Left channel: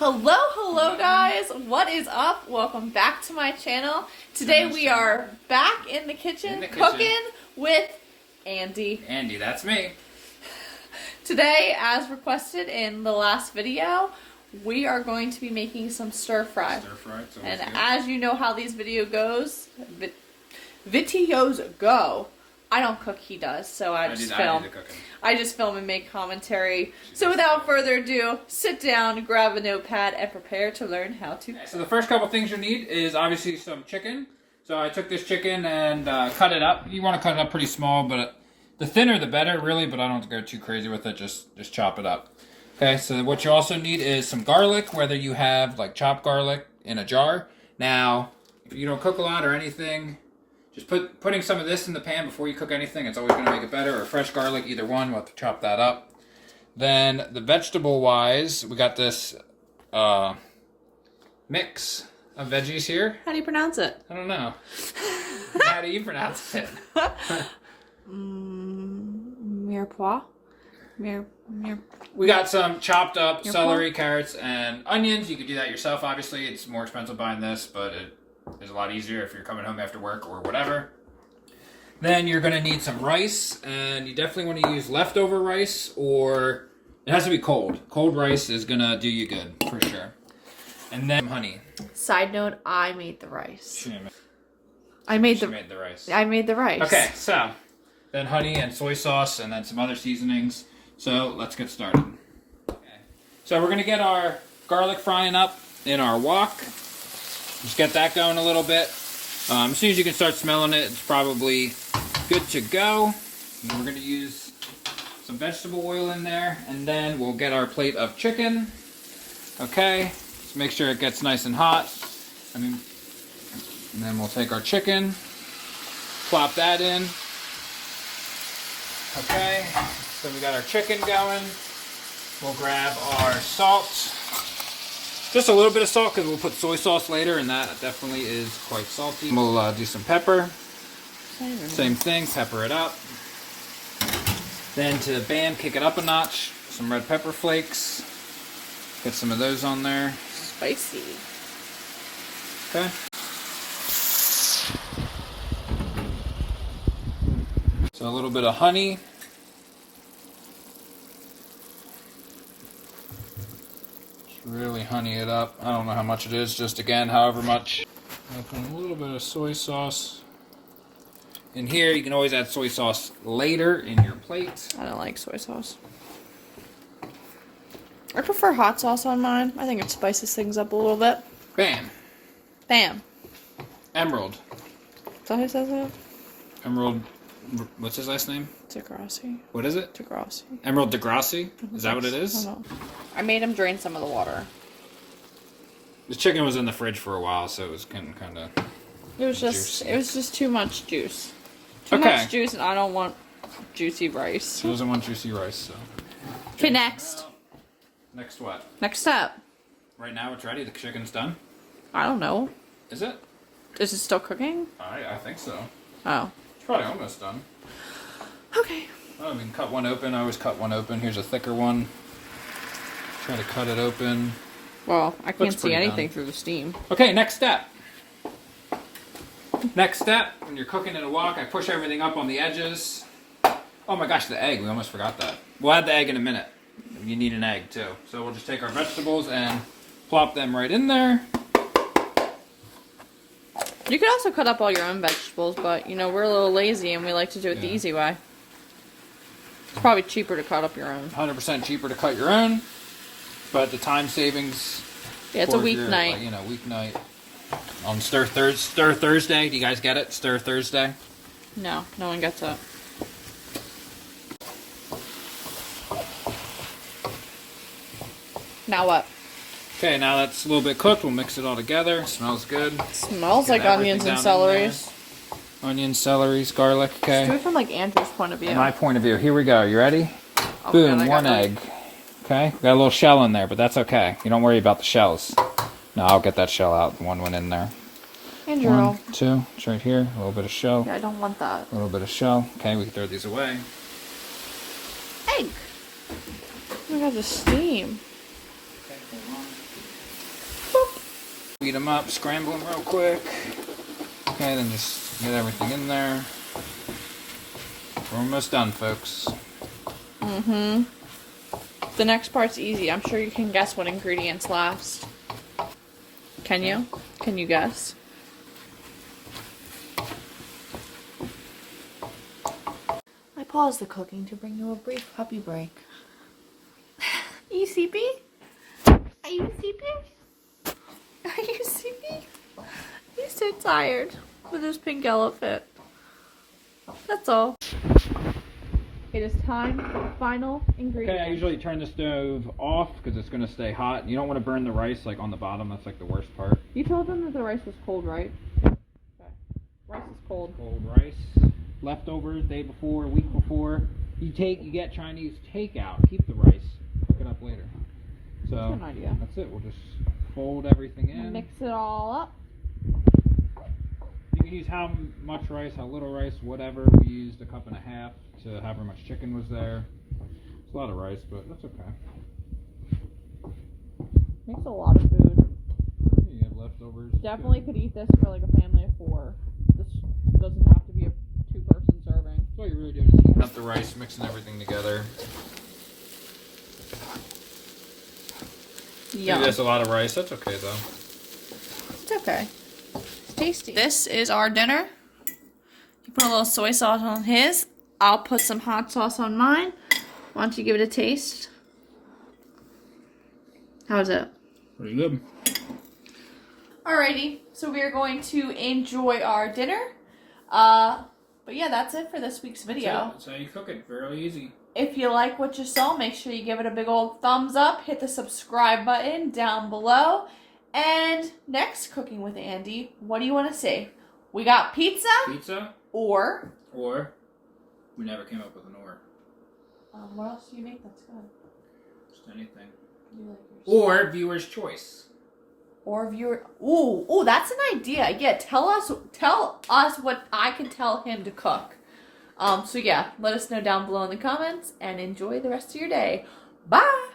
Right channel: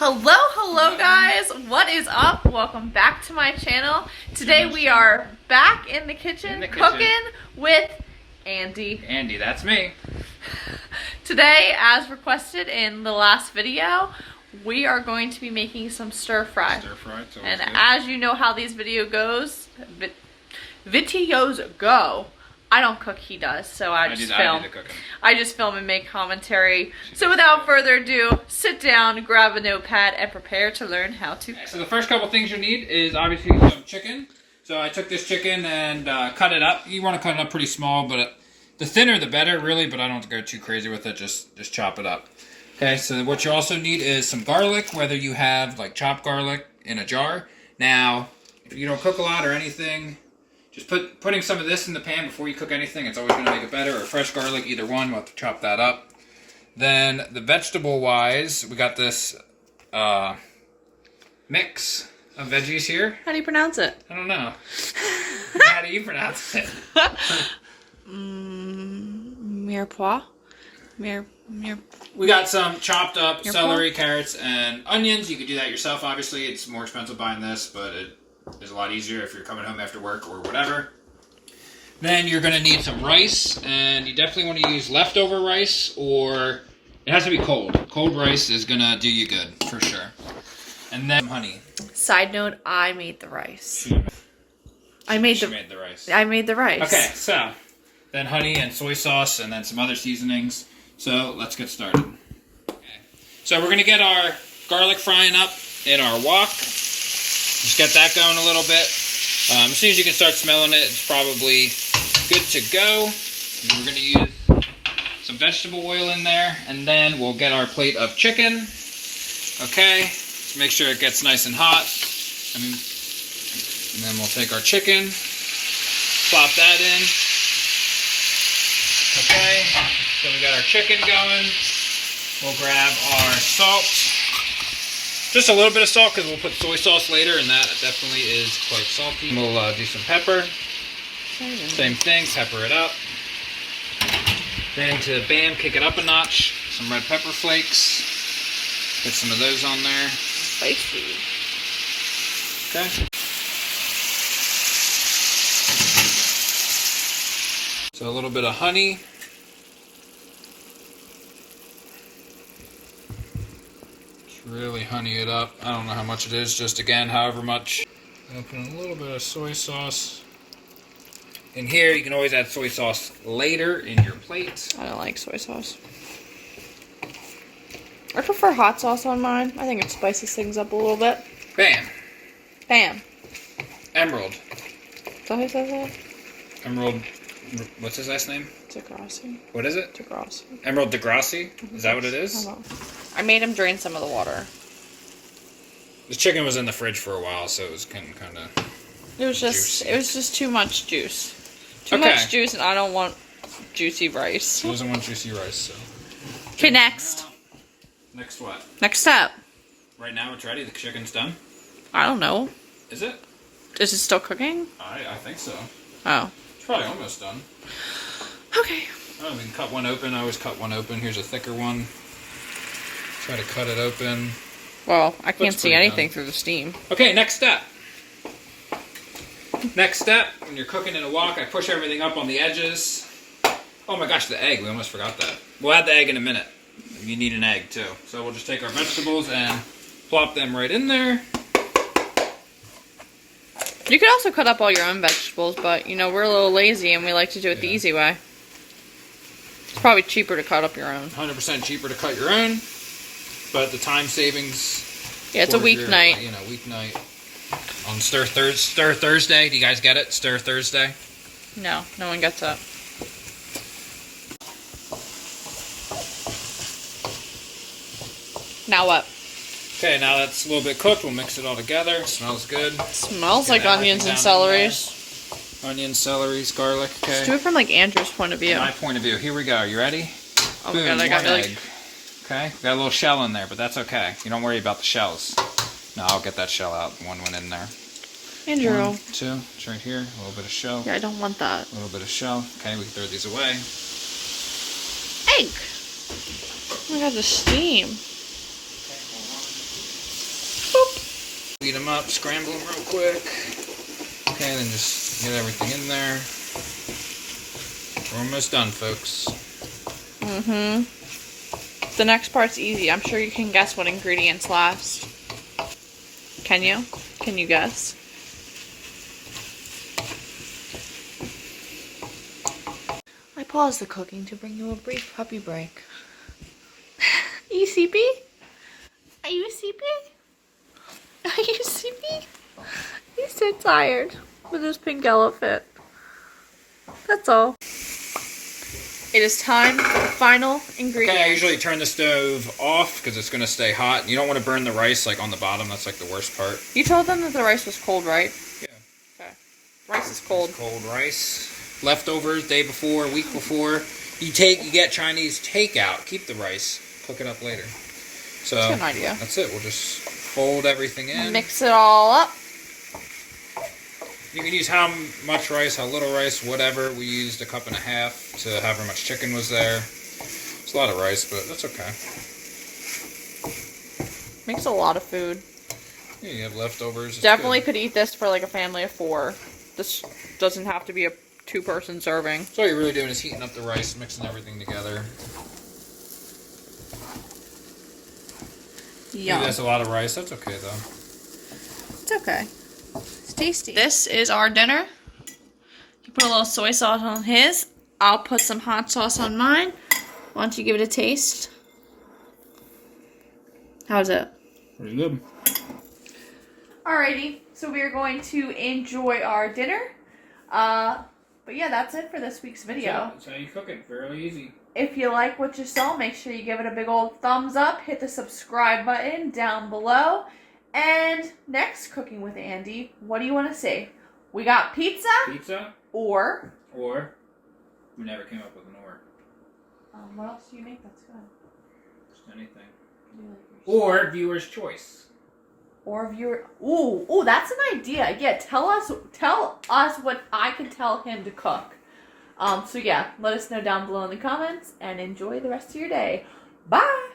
Hello guys, what is up? Welcome back to my channel. Today we are back in the kitchen cooking with Andy. Andy, that's me. Today, as requested in the last video, we are going to be making some stir fry. And as you know how these videos go, I don't cook, he does, so I just film. I just film and make commentary. So without further ado, sit down, grab a notepad, and prepare to learn how to cook. So the first couple things you need is obviously some chicken. So I took this chicken and cut it up. You want to cut it up pretty small, but the thinner the better, really, but I don't go too crazy with it. Just chop it up. Okay, so what you also need is some garlic, whether you have like chopped garlic in a jar. Now, if you don't cook a lot or anything, just putting some of this in the pan before you cook anything, it's always going to make it better. Or fresh garlic, either one, we'll have to chop that up. Then the vegetable-wise, we got this mix of veggies here. How do you pronounce it? I don't know. How do you pronounce it? Mirepoix? We got some chopped up celery, carrots, and onions. You could do that yourself, obviously. It's more expensive buying this, but it is a lot easier if you're coming home after work or whatever. Then you're going to need some rice, and you definitely want to use leftover rice, or it has to be cold. Cold rice is going to do you good, for sure. And then honey. Side note, I made the rice. She made the rice. I made the rice. Okay, so then honey and soy sauce, and then some other seasonings. So let's get started. Okay. So we're going to get our garlic frying up in our wok. Just get that going a little bit. As soon as you can start smelling it, it's probably good to go. And we're going to use some vegetable oil in there, and then we'll get our plate of chicken. Okay, just make sure it gets nice and hot. And then we'll take our chicken, plop that in. Okay, so we got our chicken going. We'll grab our salt. Just a little bit of salt because we'll put soy sauce later, and that definitely is quite salty. We'll do some pepper. Same thing, pepper it up. Then to kick it up a notch. Some red pepper flakes. Put some of those on there. Spicy. Okay. So a little bit of honey. Really honey it up. I don't know how much it is, just again, however much. I'll put a little bit of soy sauce in here. You can always add soy sauce later in your plate. I don't like soy sauce. I prefer hot sauce on mine. I think it spices things up a little bit. Bam. Bam. Emerald. Is that how you say that? Emerald, what's his last name? Degrassi. What is it? Degrassi. Emerald Degrassi? Is that what it is? I made him drain some of the water. The chicken was in the fridge for a while, so it was kind of It was just too much juice. Too Okay. much juice, and I don't want juicy rice. He doesn't want juicy rice. So. Okay, next. Next what? Next step. Right now it's ready. The chicken's done. I don't know. Is it? Is it still cooking? I think so. Oh. It's probably almost done. Okay. Oh, we can cut one open. I always cut one open. Here's a thicker one. Try to cut it open. Well, I can't Looks see pretty anything done. through the steam. Okay, next step. Next step, when you're cooking in a wok, I push everything up on the edges. Oh my gosh, the egg. We almost forgot that. We'll add the egg in a minute. You need an egg, too. So we'll just take our vegetables and plop them right in there. You could also cut up all your own vegetables, but, you know, we're a little lazy and we like to do it the easy way. It's probably cheaper to cut up your own. 100% cheaper to cut your own, but the time savings... Yeah, it's a weeknight. You know, weeknight. On Stir Thursday. Do you guys get it? Stir Thursday? No, no one gets it. Now what? Okay, now that's a little bit cooked. We'll mix it all together. It smells good. Smells like onions and celeries. Onions, celeries, garlic, okay. Let's do it from like Andrew's point of view. My point of view. Here we go. You ready? Oh Boom, my God, I got one egg. Okay, got a little shell in there, but that's okay. You don't worry about the shells. No, I'll get that shell out. One went in there. Andrew. 1, 2, it's right here. A little bit of shell. Yeah, I don't want that. A little bit of shell. Okay, we can throw these away. Egg. Oh my God, the steam. speed them up, scramble them real quick. Okay, then just get everything in there. We're almost done, folks. Mm-hmm. The next part's easy. I'm sure you can guess what ingredients last. Can you? Can you guess? I paused the cooking to bring you a brief puppy break. Are you sleepy? Are you sleepy? Are you sleepy? He's so tired with his pink elephant. That's all. It is time for the final ingredient. Okay, I usually turn the stove off because it's going to stay hot. You don't want to burn the rice like on the bottom. That's like the worst part. You told them that the rice was cold, right? Yeah. Okay. Rice is cold. Cold rice. Leftovers, day before, week before. You get Chinese takeout. Keep the rice. Cook it up later. So That's an idea. That's it. We'll just fold everything in. Mix it all up. You can use how much rice, how little rice, whatever. We used 1.5 cups to however much chicken was there. It's a lot of rice, but that's okay. Makes a lot of food. Yeah, you have leftovers. Definitely could eat this for like a family of 4. This doesn't have to be a 2-person serving. So all you're really doing is heating up the rice, mixing everything together. Yum. Maybe that's a lot of rice. That's okay, though. It's okay. It's tasty. This is our dinner. You put a little soy sauce on his. I'll put some hot sauce on mine. Why don't you give it a taste? How's it? Pretty good. Alrighty, so we are going to enjoy our dinner. But yeah, that's it for this week's video. That's how you cook it. Fairly easy. If you like what you saw, make sure you give it a big old thumbs up. Hit the subscribe button down below. And next, Cooking with Andy, what do you want to see? We got pizza? Pizza? Or? We never came up with an or. What else do you make that's good? Just anything. Like or viewer's choice. Or viewer. Ooh, that's an idea. Yeah, tell us what I can tell him to cook. So yeah, let us know down below in the comments and enjoy the rest of your day. Bye!